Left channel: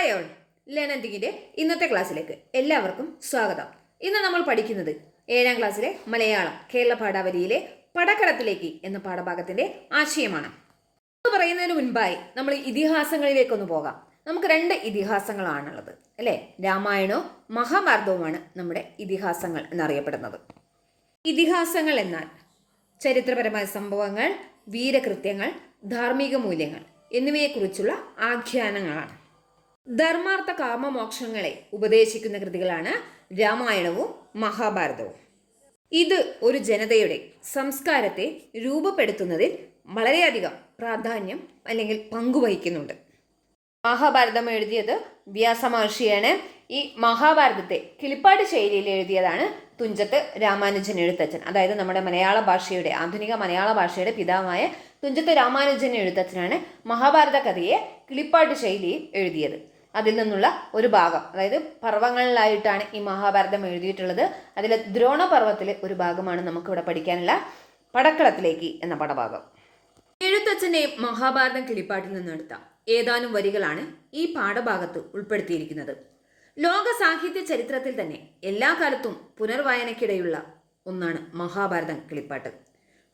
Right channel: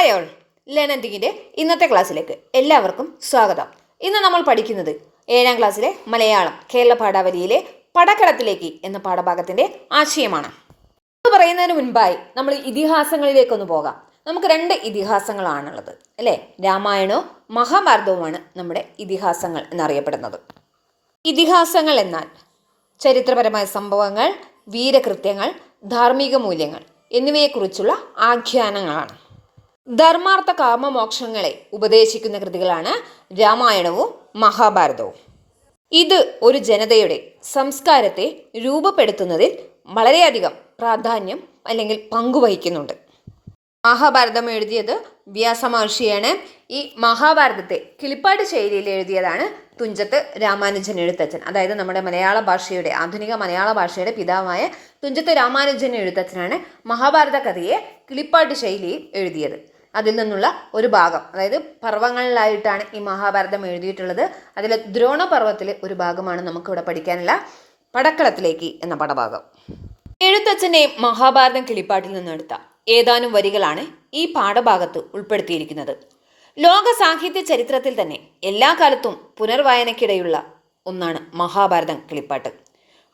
Hi all ലേണന്തിങ്ങിന്റെ ഇന്നത്തെ ക്ലാസ്സിലേക്ക് എല്ലാവർക്കും സ്വാഗതം. ഇന്ന് നമ്മൾ പഠിക്കുന്നത് ഏഴാം ക്ലാസ്സിലെ മലയാളം കേരള പാഠാവലിയിലെ പടക്കടത്തിലേക്ക് എന്ന പാഠഭാഗത്തിന്റെ ആശയമാണ്. അത് പറയുന്നതിന് മുൻപായി നമ്മൾ ഇതിഹാസങ്ങളിലേക്കൊന്ന് പോകാം. നമുക്ക് രണ്ട് ഇതിഹാസങ്ങളാണുള്ളത് അല്ലേ? രാമായണവും മഹാഭാരതവുമാണ് നമ്മുടെ ഇതിഹാസങ്ങൾ എന്നറിയപ്പെടുന്നത്. ഇതിഹാസങ്ങൾ എന്നാൽ ചരിത്രപരമായ സംഭവങ്ങൾ വീരകൃത്യങ്ങൾ ധാർമ്മിക മൂല്യങ്ങൾ എന്നിവയെക്കുറിച്ചുള്ള ആഖ്യാനങ്ങളാണ്. ധർമാർത്ഥ കാമമോക്ഷങ്ങളെ ഉപദേശിക്കുന്ന കൃതികളാണ് രാമായണവും മഹാഭാരതവും. ഇത് ഒരു ജനതയുടെ സംസ്കാരത്തെ രൂപപ്പെടുത്തുന്നതിൽ വളരെയധികം പ്രാധാന്യം അല്ലെങ്കിൽ പങ്കുവഹിക്കുന്നുണ്ട്. മഹാഭാരതം എഴുതിയത് വ്യാസമഹർഷിയാണ്. ഈ മഹാഭാരതത്തെ കിളിപ്പാട് ശൈലിയിൽ എഴുതിയതാണ് തുഞ്ചത്ത് രാമാനുജൻ എഴുത്തച്ഛൻ. അതായത് നമ്മുടെ മലയാള ഭാഷയുടെ ആധുനിക മലയാള ഭാഷയുടെ പിതാവായ തുഞ്ചത്ത് രാമാനുജൻ എഴുത്തച്ഛനാണ് മഹാഭാരത കഥയെ കിളിപ്പാട്ട് ശൈലിയിൽ എഴുതിയത്. അതിൽ നിന്നുള്ള ഒരു ഭാഗം. അതായത് പർവങ്ങളിലായിട്ടാണ് ഈ മഹാഭാരതം എഴുതിയിട്ടുള്ളത്. അതിലെ ദ്രോണപർവത്തിലെ ഒരു ഭാഗമാണ് നമുക്കിവിടെ പഠിക്കാനുള്ള പടക്കളത്തിലേക്ക് എന്ന പടഭാഗം. എഴുത്തച്ഛന്റെ മഹാഭാരതം കിളിപ്പാട്ടിൽ നിന്നെടുത്ത ഏതാനും വരികളാണ് ഈ പാഠഭാഗത്ത് ഉൾപ്പെടുത്തിയിരിക്കുന്നത്. ലോക സാഹിത്യ ചരിത്രത്തിൽ തന്നെ എല്ലാ കാലത്തും പുനർവായനയ്ക്കിടയുള്ള ഒന്നാണ് മഹാഭാരതം കിളിപ്പാട്ട്.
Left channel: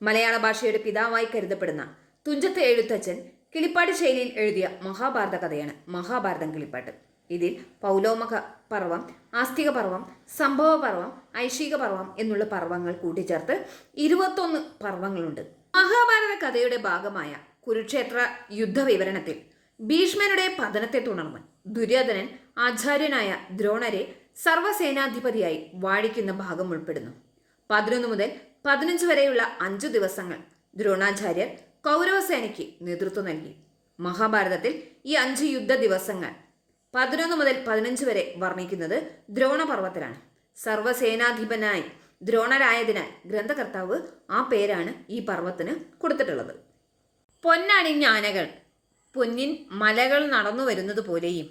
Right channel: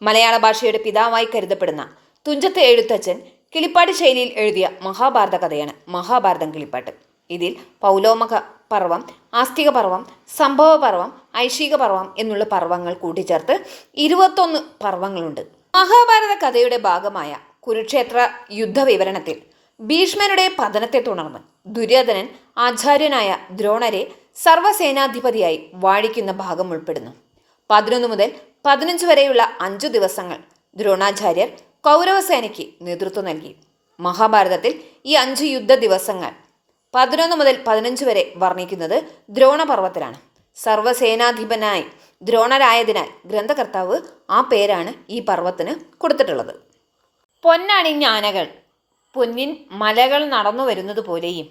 മലയാള ഭാഷയുടെ പിതാവായി കരുതപ്പെടുന്ന തുഞ്ചത്ത് എഴുത്തച്ഛൻ കിളിപ്പാട്ട് ശൈലിയിൽ എഴുതിയ മഹാഭാരത കഥയാണ് മഹാഭാരതം കിളിപ്പാട്ട്. ഇതിൽ പൗലോമക പർവം ആസ്തിക പർവം സംഭവ പർവം ഐശിക പർവം എന്നുള്ള പർവങ്ങൾ കൂട്ടിച്ചേർത്ത് ഇരുപത്തൊന്ന് പർവങ്ങളുണ്ട്. മഹാഭാരത കഥയുടെ ഭാഗമായ കുരുക്ഷേത്ര യുദ്ധവിവരണത്തിൽ ഭീഷ്മരുടെ പതനത്തെ തുടർന്ന് ദുര്യോധനൻ ആചാര്യനായ ദ്രോണരെ സർവസേനാധിപതിയായി വാഴിക്കുന്ന ഭാഗം ഉൾപ്പെടുന്നു. പതിനൊന്ന് മുതൽ പതിനഞ്ച് വരെയുള്ള അഞ്ചു ദിവസങ്ങൾ ദ്രോണാചാര്യർ കൗരവസേനയ്ക്ക് നേതൃത്വം നൽകി. മഹാഭാരതത്തിൽ ഈ അഞ്ച് യുദ്ധ ദിവസങ്ങൾ പതിനൊന്ന് മുതൽ പതിനഞ്ച് വരെ വർണിക്കുന്നത് ദ്രോണപർവത്തിലാണ് സർവസേനാധിപനായി ദ്രോണരായതിനാൽ ഗ്രന്ഥകർത്താവ് ആ പേരാണ് ഈ പർവത്തിന് കൊടുത്തിട്ടുള്ളത്. പൊന്നണിഞ്ഞ ആനകൾ പൊന്നിൻ മലകൾ നടന്നു വരുന്നത് പോലെയും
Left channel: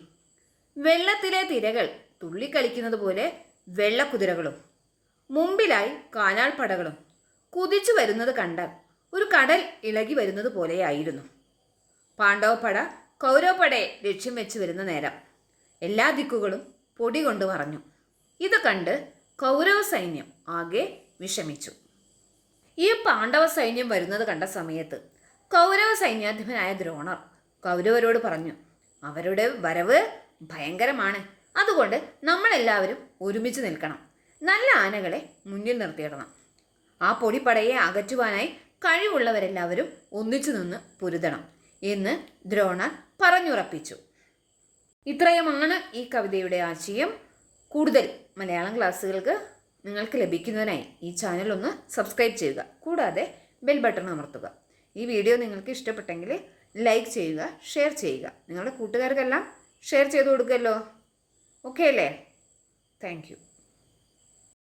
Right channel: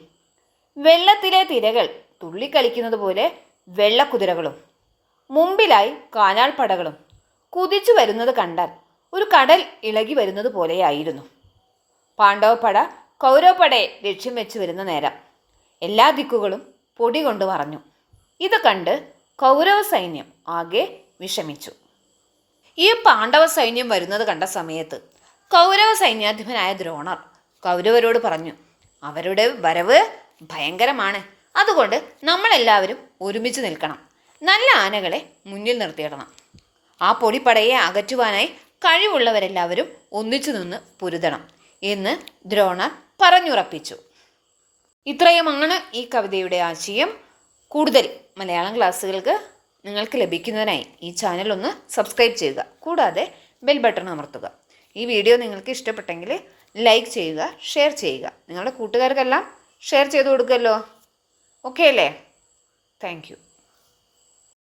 വെള്ളത്തിലെ തിരകൾ തുള്ളിക്കളിക്കുന്നത് പോലെ വെള്ളക്കുതിരകളും മുമ്പിലായി കാലാൾപ്പടകളും കുതിച്ചു വരുന്നത് കണ്ടാൽ ഒരു കടൽ ഇളകി വരുന്നത് പോലെയായിരുന്നു. പാണ്ഡവപ്പട കൗരവപ്പടയെ ലക്ഷ്യം വെച്ച് വരുന്ന നേരം എല്ലാ ദിക്കുകളും പൊടി കൊണ്ട് പറഞ്ഞു ഇത് കണ്ട് കൗരവ സൈന്യം ആകെ വിഷമിച്ചു. ഈ പാണ്ഡവ സൈന്യം വരുന്നത് കണ്ട സമയത്ത് കൗരവ സൈന്യാധിപനായ ദ്രോണർ കൗരവരോട് പറഞ്ഞു അവരുടെ വരവ് ഭയങ്കരമാണ്. അതുകൊണ്ട് നമ്മളെല്ലാവരും ഒരുമിച്ച് നിൽക്കണം. നല്ല ആനകളെ മുന്നിൽ നിർത്തിയിടണം. ആ പൊടിപ്പടയെ അകറ്റുവാനായി കഴിവുള്ളവരെല്ലാവരും ഒന്നിച്ചു നിന്ന് പൊരുതണം എന്ന് ദ്രോണർ പറഞ്ഞുറപ്പിച്ചു. ഇത്രയുമാണ് ഈ കവിതയുടെ ആശയം. കൂടുതൽ മലയാളം ക്ലാസ്സുകൾക്ക് നിങ്ങൾക്ക് ലഭിക്കുന്നതിനായി ഈ ചാനൽ ഒന്ന് സബ്സ്ക്രൈബ് ചെയ്യുക. കൂടാതെ ബെൽ ബട്ടൺ അമർത്തുക. ഈ വീഡിയോ നിങ്ങൾക്ക് ഇഷ്ടപ്പെട്ടെങ്കിൽ ലൈക്ക് ചെയ്യുക ഷെയർ ചെയ്യുക. നിങ്ങളുടെ കൂട്ടുകാർക്കെല്ലാം ഷെയർ ചെയ്ത് കൊടുക്കുമല്ലോ. ഓക്കെ അല്ലേ? താങ്ക്